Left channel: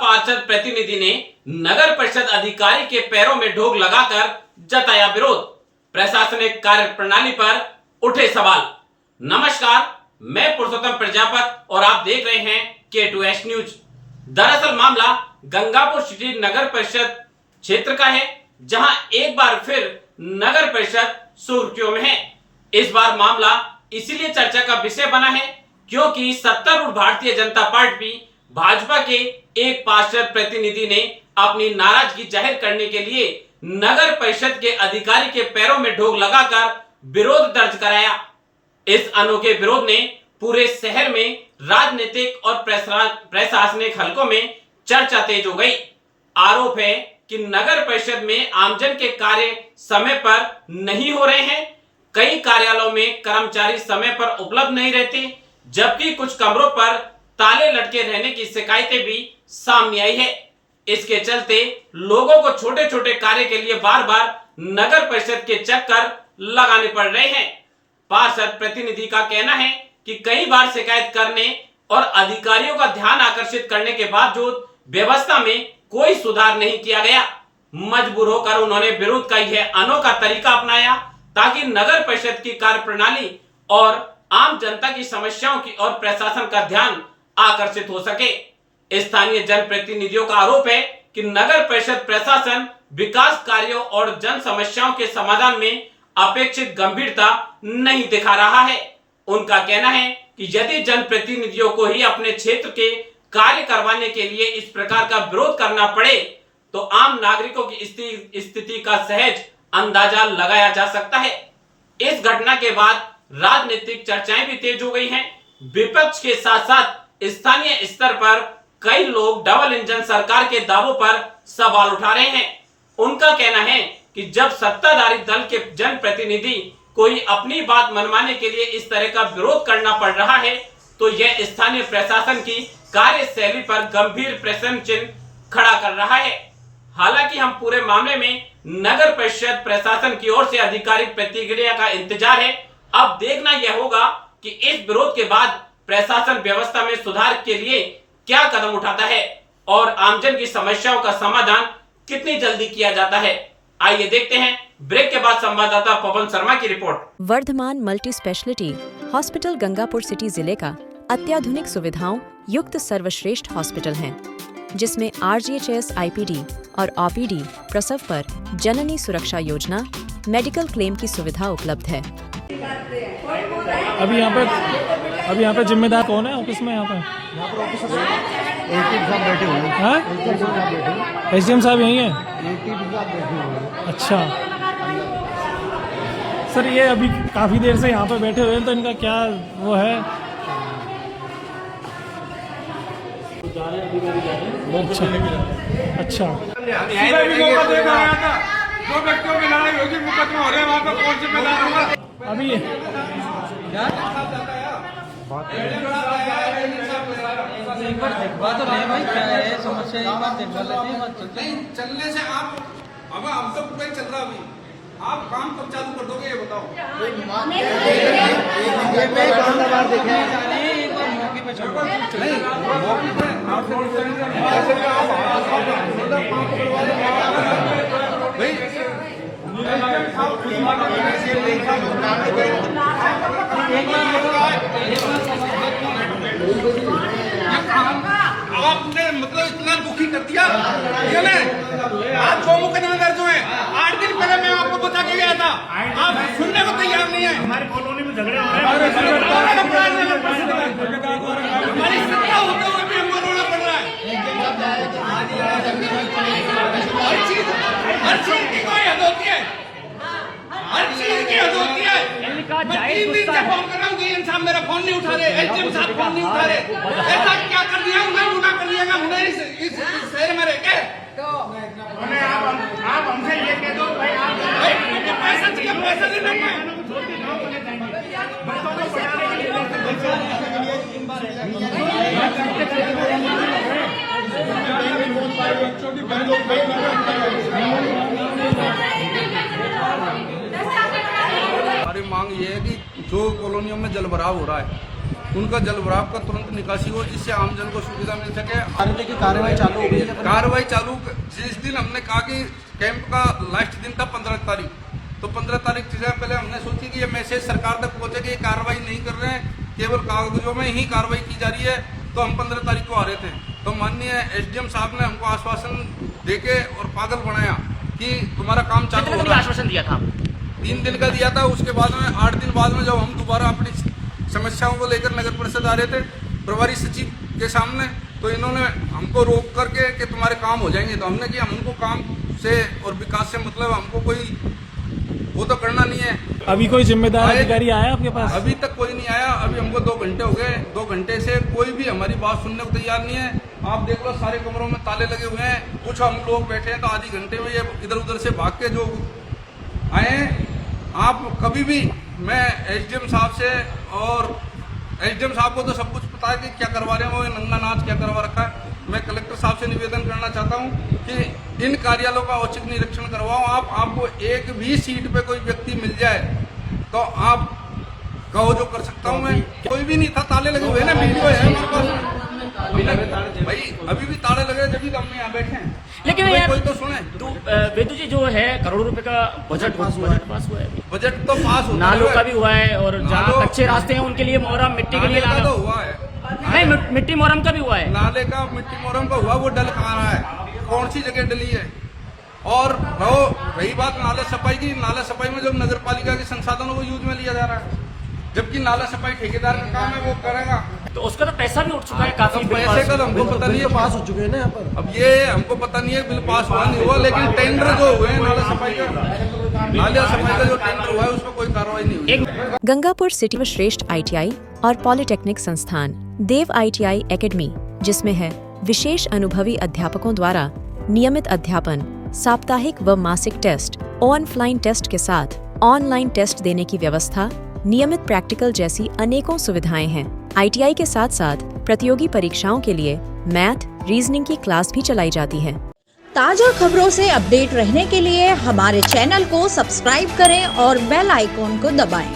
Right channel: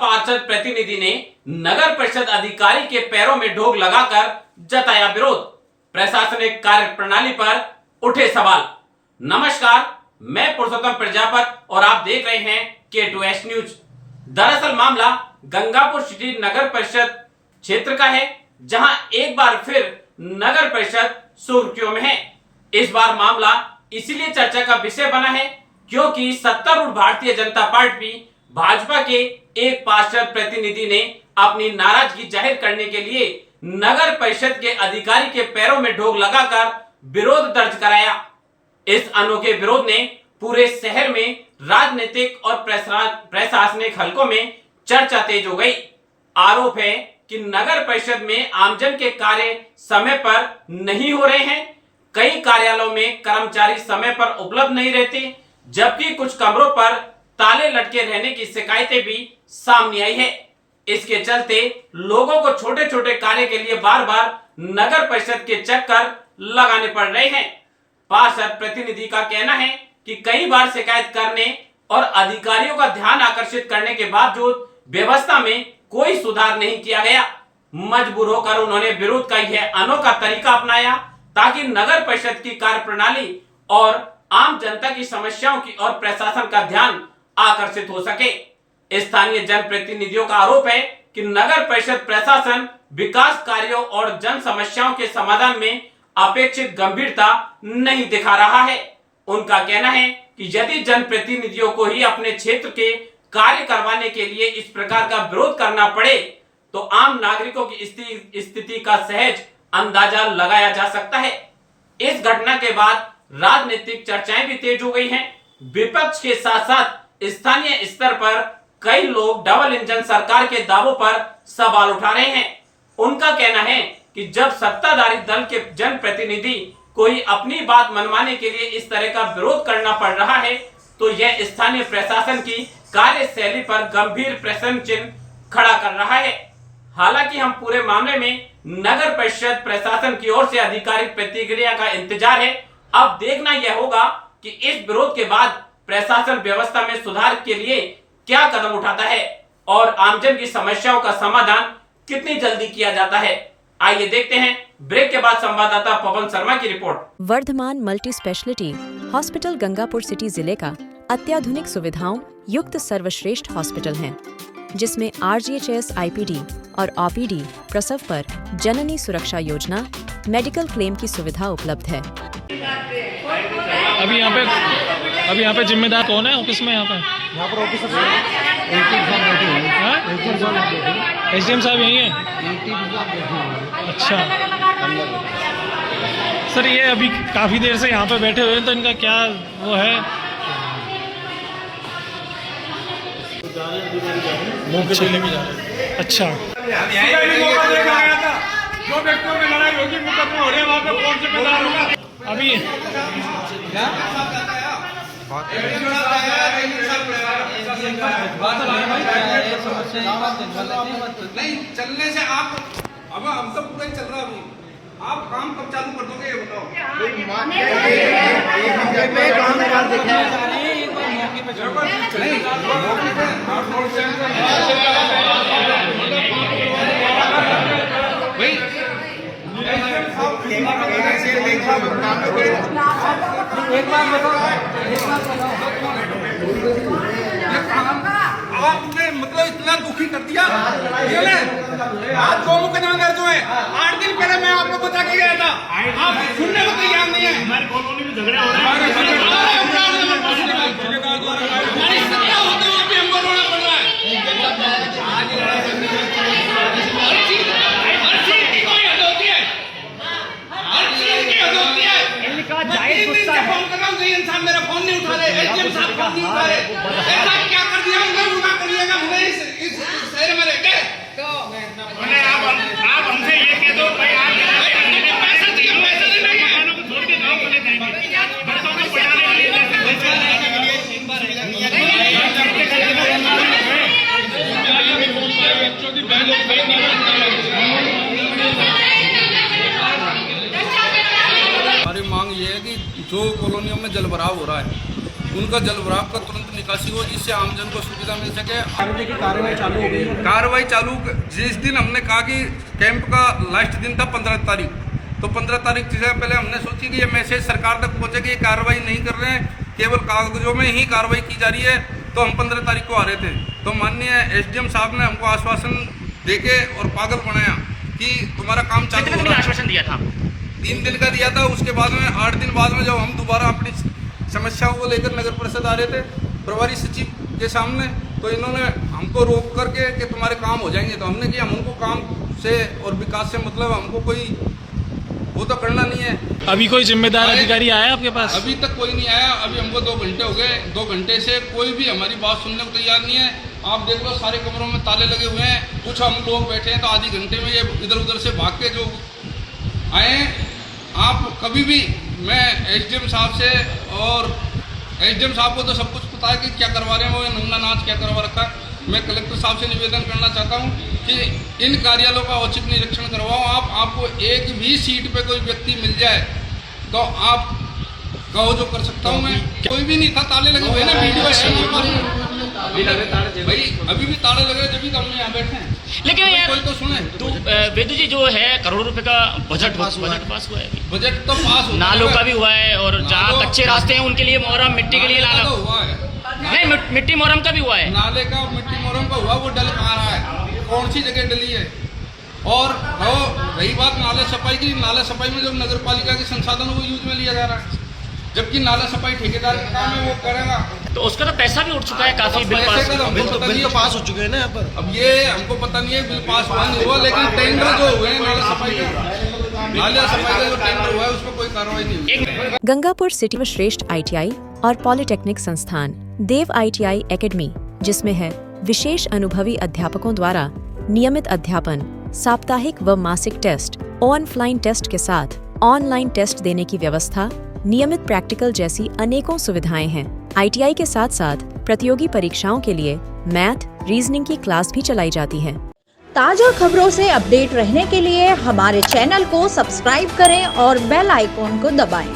पार्षद प्रतिनिधि ने नगर परिषद अधिकारी के पैरों में ढोक लगाकर जताया विरोध। प्रशासनिक कार्य प्रणाली पर उठे सवाल। नमस्कार, मैं पुरुषोत्तम प्रजापत और आप देख रहे हैं K2S न्यूज। दरअसल मामला गंगापुर सिटी नगर परिषद क्षेत्र का है, जहां एक बार फिर नगर परिषद सुर्खियों में है। इस बार मामला इसीलिए चर्चा का विषय बना है क्योंकि सत्तारूढ़ भारतीय जनता पार्टी भाजपा के एक पार्षद प्रतिनिधि ने अपनी नाराजगी जाहिर करने के लिए नगर परिषद के अधिकारी के पैरों में ढोक लगाकर विरोध दर्ज कराया। इस अनोखे विरोध ने पूरे शहर में राजनीतिक और प्रशासनिक हलकों में चर्चा तेज हो गई। आरोप है कि नगर परिषद में आमजन के कार्य समय पर नहीं हो रहे हैं। कई कार्यालयों में कर्मचारी समय पर उपलब्ध नहीं रहते, जबकि कुछ कमरों पर ताले लटके रहने की शिकायतें भी सामने आई है। इसके चलते लोगों को छोटे छोटे कार्य के लिए बार बार नगर परिषद के चक्कर लगाने पड़ रहे हैं। पार्षद प्रतिनिधि का कहना है कि कई बार शिकायत करने और अधिकारियों का ध्यान आकर्षित करने के बावजूद व्यवस्था में कोई सुधार नहीं किया गया। मजबूर होकर उन्होंने विरोध का यह अनोखा तरीका अपनाया ताकि नगर परिषद की कार्यप्रणाली और आम जनता की समस्याओं की और प्रशासन का ध्यान आकर्षित हो सके। स्थानीय जनप्रतिनिधियों का आरोप है कि नगर परिषद प्रशासन विकास कार्यों और जन समस्याओं के समाधान में अपेक्षित गंभीरता नहीं दिखा रहा है। उनका कहना है कि यदि जनप्रतिनिधियों को ही अपने क्षेत्र के कार्य करवाने के लिए इस प्रकार का विरोध करना पड़े तो आम नागरिकों की स्थिति का सहज अंदाजा लगाया जा सकता है। इस घटना के बाद राजनीतिक चर्चाएं भी तेज हो गई हैं। विपक्ष के साथ साथ स्थानीय स्तर पर कई लोग डबल इंजन सरकार के दावों पर सवाल उठा रहे हैं। उनका कहना है कि जब सत्ताधारी दल के जनप्रतिनिधि कोई अपनी बात मनवाने के लिए इस तरह का विरोध करना पड़ रहा है तो यह स्थानीय प्रशासन की कार्यशैली पर गंभीर प्रश्न चिन्ह खड़ा कर रहा है। हालांकि हम पूरे मामले में नगर परिषद प्रशासन की ओर से आधिकारिक प्रतिक्रिया का इंतजार है। अब देखना यह होगा कि इस विरोध के बाद प्रशासन व्यवस्था में सुधार के लिए क्या कदम उठाता है और आमजन की समस्याओं का समाधान कितनी जल्दी किया जाता है। आइए देखते हैं ब्रेक के बाद संवाददाता पवन शर्मा की रिपोर्ट। Vardhman multi speciality hospital Gangapur city जिले का अत्याधुनिक सुविधाओं युक्त सर्वश्रेष्ठ हॉस्पिटल है, जिसमें RGHS IPD और OPD प्रसव पर जननी सुरक्षा योजना मेडिकल क्लेम की सुविधा उपलब्ध है। अभी यहाँ पे जिम्मेदार कौन है ऑफिस में? यहाँ पर ऑफिस साहब बैठे हुए हैं। SDM साहब यही है। अच्छा सर, ये अभी काफ़ी देर से यहाँ पे बैठे हुए हैं तो इनका क्या वो है? अच्छा दो व्यक्तियों में लड़ाई होगी, मुकदमे हो रहे हैं, वहाँ पे कौन जिम्मेदार होगा? अभी नहीं चलने से आप अब हम तो पूरा चल रहा अभी, आप काम कब चालू कर दोगे ये बताओ। आपने मतलब इतना दुखी कर दिया। आप 2 मुकदमे दर्ज हुए, 8 दिन पहले मैं आपको बता के गया था, आप सुनने को तैयार नहीं है। हमारी कॉलोनी में झगड़े हो रहे इंसान मेरा फोन नहीं उठा रहे, SDM साहब फोन नहीं उठा रहे। ऐसा क्या कर दिया उन्हें? गुनाह कर दिया उन्हें इस शहर में रह के। आप हमसे ये कह दो भाई, आप पैसा दे रहे हैं, छोड़ के गाँव चले जाएंगे, बच्चों को पढ़ाने बच्चों की हमारी मांग ये है कि जो कॉलोनियों में जलभराव हो रहा है उनका जल भराव का तुरंत निकासी हो, जिससे आमजन को सुविधा मिल सके। कार्रवाई चालू हो गई है। कार्रवाई चालू जिस दिन हमने कहा कि कैंप का लास्ट दिन था 15 तारीख, तो 15 तारीख से पहले हमने सोची कि ये मैसेज सरकार तक पहुंचे कि ये कार्रवाई नहीं कर रहे हैं, केवल कागजों में ही कार्रवाई की जा रही है। तो हम 15 तारीख को आ रहे थे, तो माननीय एसडीएम साहब ने हमको आश्वासन देके और पागल बनाया कि तुम्हारा काम चालू हो रहा है। आश्वासन दिया था 3 दिन का दिया था। उसके बाद में 8 दिन बाद में जब हम दोबारा अपनी समस्याओं को लेकर नगर परिषद आ रहे थे प्रभारी सचिव के सामने, तो इन्होंने हमको रोक करके कि तुम्हारे काम हो जाएंगे। तो हमने कि हम उनको काम से और विकास से मतलब हमको कोई वो तो करना नहीं है। अभी कोई जिम्मेदार अधिकारी आया आपके पास? अभी तक कोई नहीं आया। अभी हमको 2 घंटे हो गए, 2 घंटे से कोई भी हमारी बात सुनने को तैयार नहीं है। आप देख लो सारे कमरों में ताले लगे हुए हैं। कुछ हम लोग बैठे हैं तो आधी घंटे में ये इधर उधर से भाग के जो आए। आप कभी भी, मैं एसडीएम साहब से, और एसडीएम साहब को तो सब कुछ पता है कि क्या करवा रहे हैं वो, नंगा नाच क्या करवा रखा है। मैं कलेक्टर साहब से निवेदन करना चाहता हूं कि इन कार्यालयों का औचक निरीक्षण करवाओ। आपको एक भी सीट पे कोई व्यक्ति मिल जाए तो आप कहो जो कर सकता हूं मैं। कोई भी नहीं था, ताले लगे हुए ना, वीडियो है हमारे पास। भाई अभी भी ताले लगे, जब भी हम यहाँ बैठे हैं। लेकिन यार कोई तो सुने। तो वेदू जी जो है करोड़ों रुपए का बजट पास हुआ है अभी। बजट तो पास होता नालों का भी हुआ है, और जहाँ कच्चे रास्ते हैं उनके लिए मोहरम, मिट्टी के लिए नाले का तो हुआ है। नहीं, मिट्टी मोहरम का भी हुआ है। नाले का मिट्टी मोहरम का हुआ, वो डल कहाँ रहा है, कौन सी जगह डली है। और रही बात नाला सफाई की, नाला सफाई में जब नगर पालिका के संसाधनों को यूज में लिया जा रहा है, जबकि नाला सफाई ठेकेदार का काम है, वो करेगा। तो उसका तो पैसा भी उठ चुका है काफी। पैसे का तो हमको पता नहीं है, पास हो चुके हैं ना यहाँ पर। अब ये हमको पता नहीं है बिल पास हुआ नहीं हुआ, लेकिन टेंडर जो हुए हैं नाला सफाई का जो टेंडर हुआ है उस पर कोई कार्रवाई नहीं हुई। गंगापुर सिटी में श्रेष्ठ ITI और पॉलिटेक्निक संस्थान देव ITI एकेडमी, जिसमें है विशेष अनुभवी अध्यापकों द्वारा नियमित अध्यापन, साप्ताहिक व मासिक टेस्ट, ऑनलाइन टेस्ट के साथ ऑनलाइन टेस्ट देने की व्यवस्था, नियमित प्रैक्टिकल जैसी अनेकों सुविधाएं हैं। ITI के साथ साथ प्रतियोगी परीक्षाओं के लिए मैथ, रीजनिंग की क्लास भी चलाई जाती है। ताजा खबरों से अपडेट रहने के लिए हमारे चैनल को सब्सक्राइब करें और बेल आइकॉन को दबाएं।